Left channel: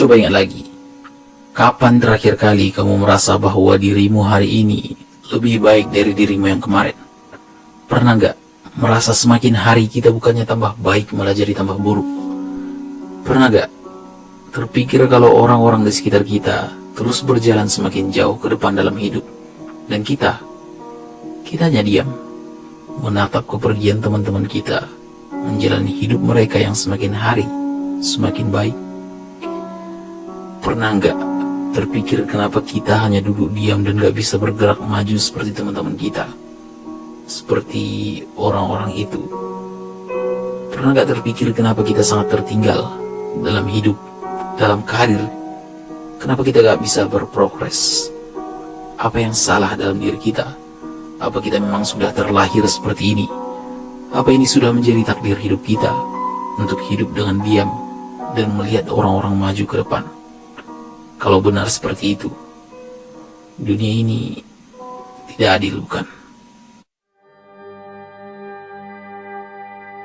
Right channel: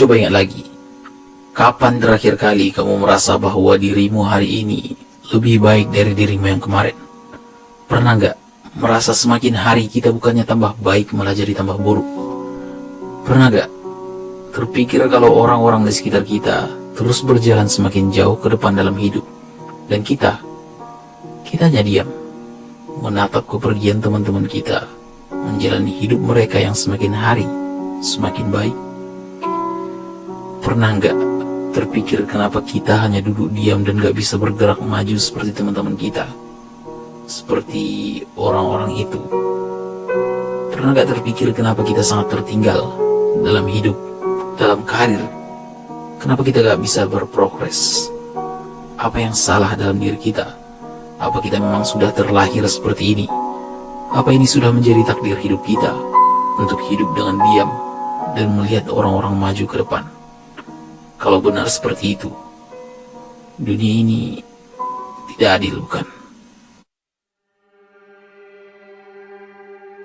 Coba ingat lagi, kapan terakhir kali kamu merasa bahwa dirimu hari ini lebih baik dari dirimu yang kemarin? Pernah nggak merasa semakin hari kita bukannya tambah baik malah jadi tambah buruk? Pernah nggak terpikir kalau orang-orang di sekitar kita terus berjalan semakin jauh ke depan dalam hidup, dan kita hanya diam menatap kepergian teman-teman kita menjalani hidup mereka yang semakin hari semakin baik? Pernah nggak terpikir kenapa kita hanya duduk diam dan gak bisa bergerak maju seperti teman-teman kita, seperti orang-orang itu? Pernah gak terpikir kenapa kita sangat tertinggal dalam hidup, dalam karir? Kenapa kita gak bisa berprogres? Apa yang salah dalam diri kita? Apa kita memang sudah terlahir seperti ini? Apa ini sudah menjadi takdir hidup kita untuk hidup dengan diam dan melihat orang-orang maju ke depan? Kalau benar seperti itu, dunia ini tidak adil, bukan?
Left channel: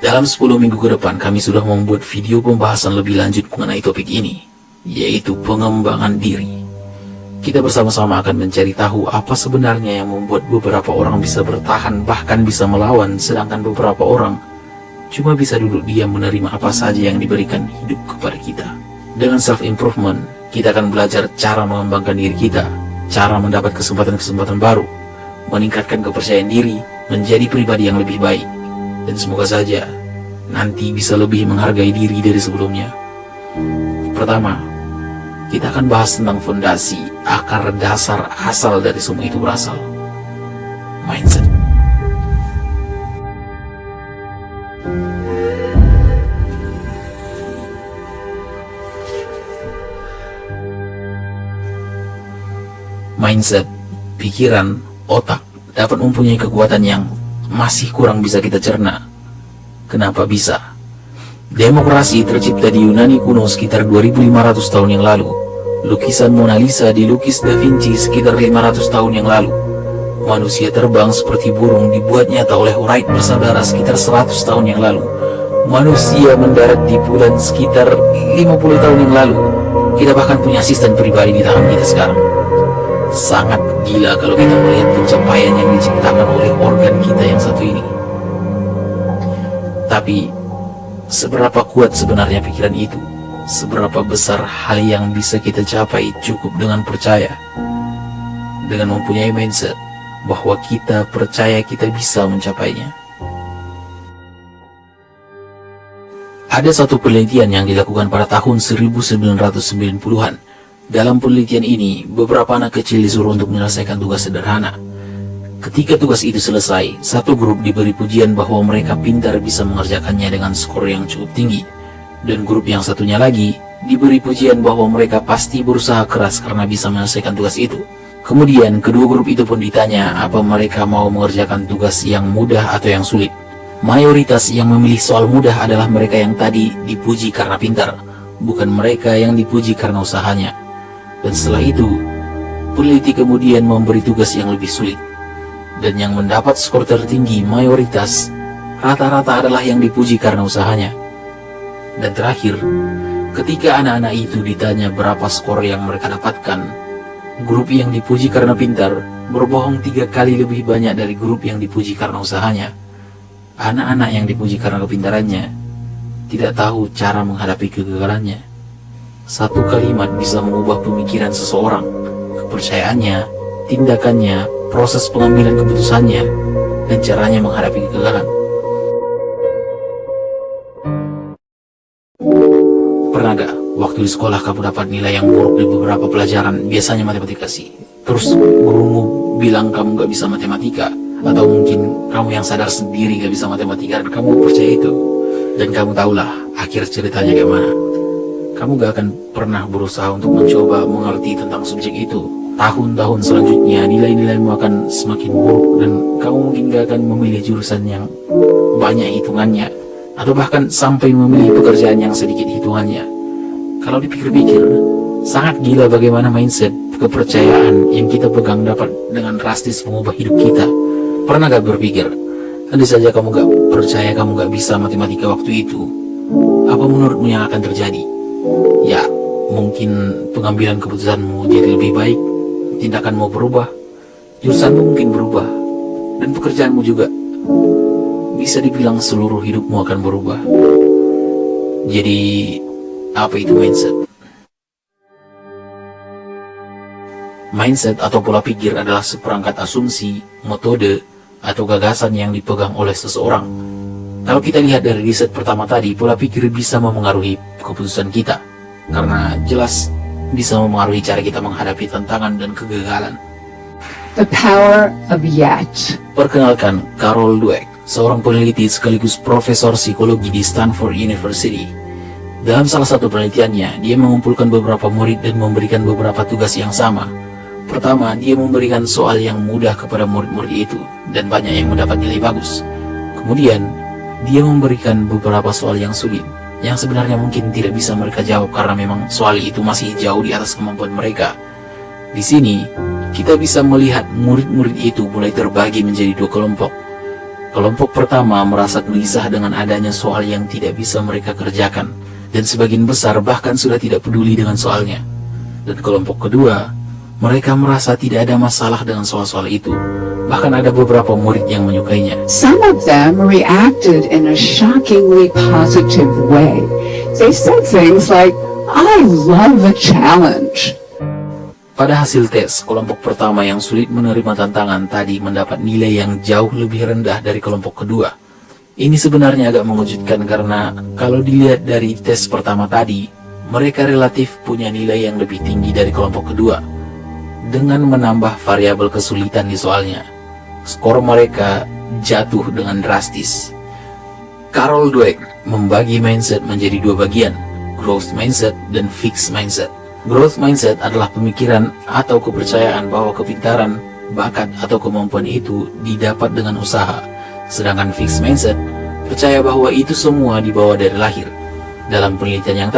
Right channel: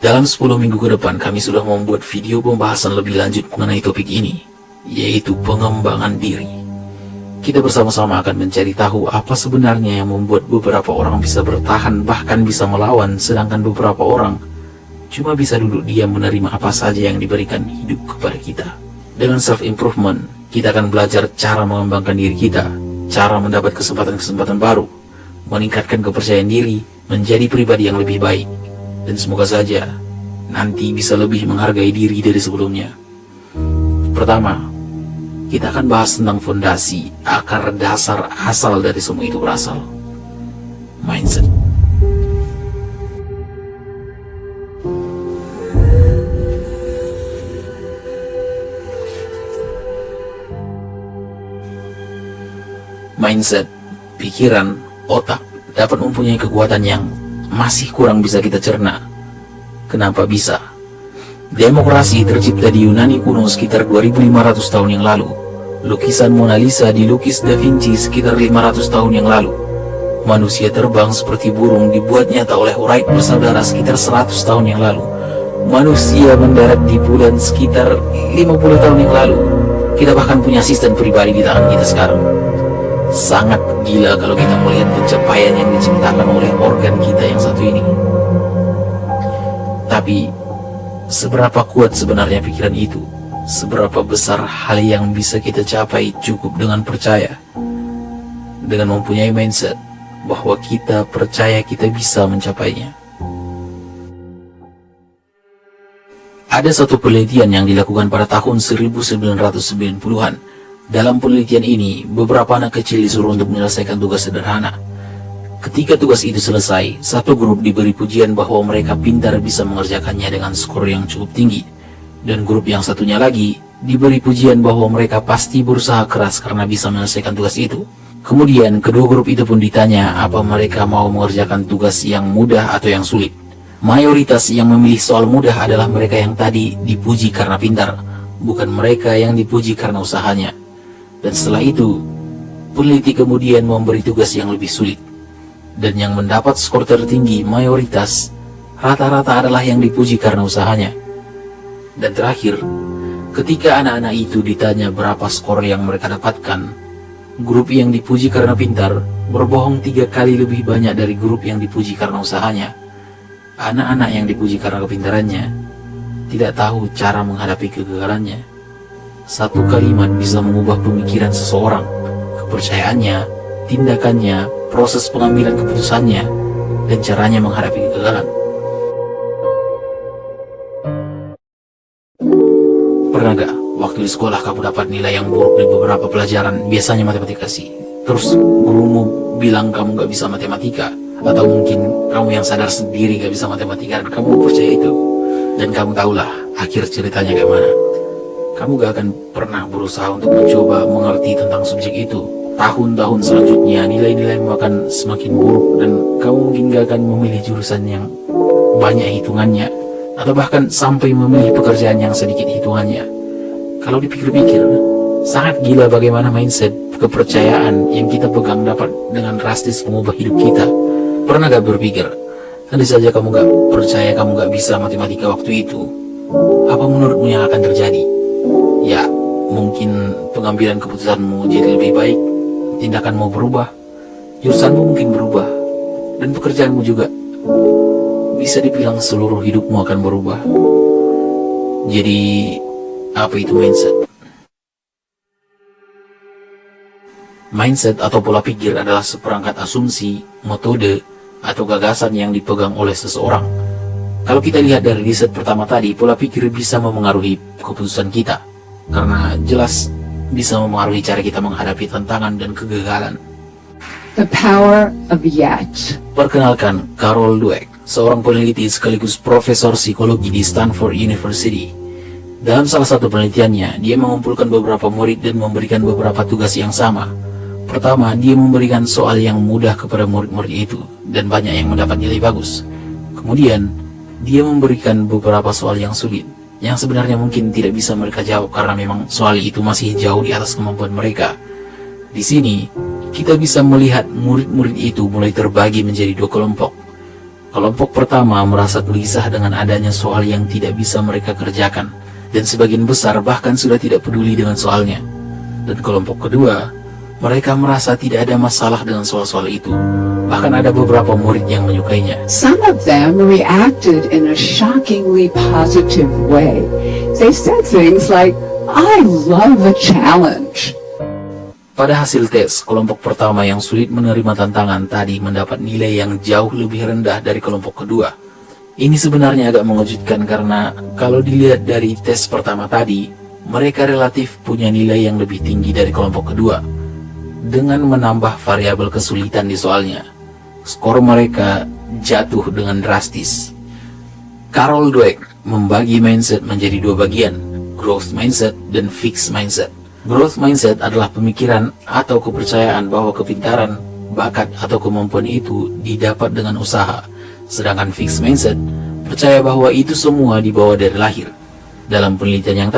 Dalam 10 minggu ke depan, kami sudah membuat video pembahasan lebih lanjut mengenai topik ini, yaitu pengembangan diri. Kita bersama-sama akan mencari tahu apa sebenarnya yang membuat beberapa orang bisa bertahan, bahkan bisa melawan, sedangkan beberapa orang cuma bisa duduk diam menerima apa saja yang diberikan hidup kepada kita. Dengan self-improvement, kita akan belajar cara mengembangkan diri kita, cara mendapat kesempatan-kesempatan baru, meningkatkan kepercayaan diri, menjadi pribadi yang lebih baik, dan semoga saja nanti bisa lebih menghargai diri dari sebelumnya. Pertama, kita akan bahas tentang fondasi, akar dasar asal dari semua itu berasal. Mindset. Mindset, pikiran, otak dapat mempunyai kekuatan yang masih kurang bisa kita cerna. Kenapa bisa? Demokrasi tercipta di Yunani kuno sekitar 2500 tahun yang lalu. Lukisan Mona Lisa dilukis Da Vinci sekitar 500 tahun yang lalu. Manusia terbang seperti burung dibuat nyata oleh Wright bersaudara sekitar 100 tahun yang lalu. Manusia mendarat di bulan sekitar 50 tahun yang lalu. Kita bahkan punya asisten pribadi di tangan kita sekarang. Sangat gila kalau kita melihat pencapaian yang diciptakan oleh organ kita yang satu ini. Tapi, seberapa kuat sebenarnya pikiran itu? Seberapa besar hal yang bisa kita capai cukup dengan percaya? Dengan mempunyai mindset bahwa kita percaya kita bisa mencapainya. Ada satu penelitian yang dilakukan pada tahun 1990-an. Dalam penelitian ini, beberapa anak kecil disuruh untuk menyelesaikan tugas sederhana. Ketika tugas itu selesai, satu grup diberi pujian bahwa mereka pintar bisa mengerjakannya dengan skor yang cukup tinggi. Dan grup yang satunya lagi diberi pujian bahwa mereka pasti berusaha keras karena bisa menyelesaikan tugas itu. Kemudian, kedua grup itu pun ditanya apa mereka mau mengerjakan tugas yang mudah atau yang sulit. Mayoritas yang memilih soal mudah adalah mereka yang tadi dipuji karena pintar, bukan mereka yang dipuji karena usahanya. Dan setelah itu, peneliti kemudian memberi tugas yang lebih sulit. Dan yang mendapat skor tertinggi mayoritas, rata-rata adalah yang dipuji karena usahanya. Dan terakhir, ketika anak-anak itu ditanya berapa skor yang mereka dapatkan, grup yang dipuji karena pintar berbohong 3 kali lebih banyak dari grup yang dipuji karena usahanya. Anak-anak yang dipuji karena kepintarannya tidak tahu cara menghadapi kegagalannya. Satu kalimat bisa mengubah pemikiran seseorang, kepercayaannya, tindakannya, proses pengambilan keputusannya, dan caranya menghadapi kegagalan. Pernah gak waktu di sekolah kamu dapat nilai yang buruk di beberapa pelajaran, biasanya matematika sih? Terus gurumu bilang kamu gak bisa matematika, atau mungkin kamu yang sadar sendiri gak bisa matematika dan kamu percaya itu. Dan kamu tahulah akhir ceritanya kayak mana. Kamu gak akan pernah berusaha untuk mencoba mengerti tentang subjek itu. Tahun-tahun selanjutnya nilai-nilaimu akan semakin buruk dan kamu mungkin gak akan memilih jurusan yang banyak hitungannya, atau bahkan sampai memilih pekerjaan yang sedikit hitungannya. Kalau dipikir-pikir, sangat gila bagaimana mindset, kepercayaan yang kita pegang dapat dengan drastis mengubah hidup kita. Pernah gak berpikir, andai saja kamu gak percaya kamu gak bisa matematika waktu itu, apa menurutmu yang akan terjadi? Ya, mungkin pengambilan keputusanmu jadi lebih baik, tindakanmu berubah, jurusanmu mungkin berubah, dan pekerjaanmu juga. Bisa dibilang seluruh hidupmu akan berubah. Jadi, apa itu mindset? Mindset atau pola pikir adalah seperangkat asumsi, metode, atau gagasan yang dipegang oleh seseorang. Kalau kita lihat dari riset pertama tadi, pola pikir bisa memengaruhi keputusan kita, karena jelas bisa memengaruhi cara kita menghadapi tantangan dan kegagalan. The power of yet. Perkenalkan, Carol Dweck, seorang peneliti sekaligus profesor psikologi di Stanford University. Dalam salah satu penelitiannya, dia mengumpulkan beberapa murid dan memberikan beberapa tugas yang sama. Pertama, dia memberikan soal yang mudah kepada murid-murid itu, dan banyak yang mendapat nilai bagus. Kemudian, dia memberikan beberapa soal yang sulit, yang sebenarnya mungkin tidak bisa mereka jawab karena memang soal itu masih jauh di atas kemampuan mereka. Di sini, kita bisa melihat murid-murid itu mulai terbagi menjadi dua kelompok. Kelompok pertama merasa gelisah dengan adanya soal yang tidak bisa mereka kerjakan, dan sebagian besar bahkan sudah tidak peduli dengan soalnya. Dan kelompok kedua, mereka merasa tidak ada masalah dengan soal-soal itu. Bahkan ada beberapa murid yang menyukainya. Some of them reacted in a shockingly positive way. They said things like, "I love a challenge." Pada hasil tes, kelompok pertama yang sulit menerima tantangan tadi mendapat nilai yang jauh lebih rendah dari kelompok kedua. Ini sebenarnya agak mengejutkan karena kalau dilihat dari tes pertama tadi, mereka relatif punya nilai yang lebih tinggi dari kelompok kedua. Dengan menambah variabel kesulitan di soalnya, skor mereka jatuh dengan drastis. Carol Dweck membagi mindset menjadi dua bagian, growth mindset dan fixed mindset. Growth mindset adalah pemikiran atau kepercayaan bahwa kepintaran, bakat atau kemampuan itu didapat dengan usaha. Sedangkan fixed mindset percaya bahwa itu semua dibawa dari lahir. Dalam penelitian yang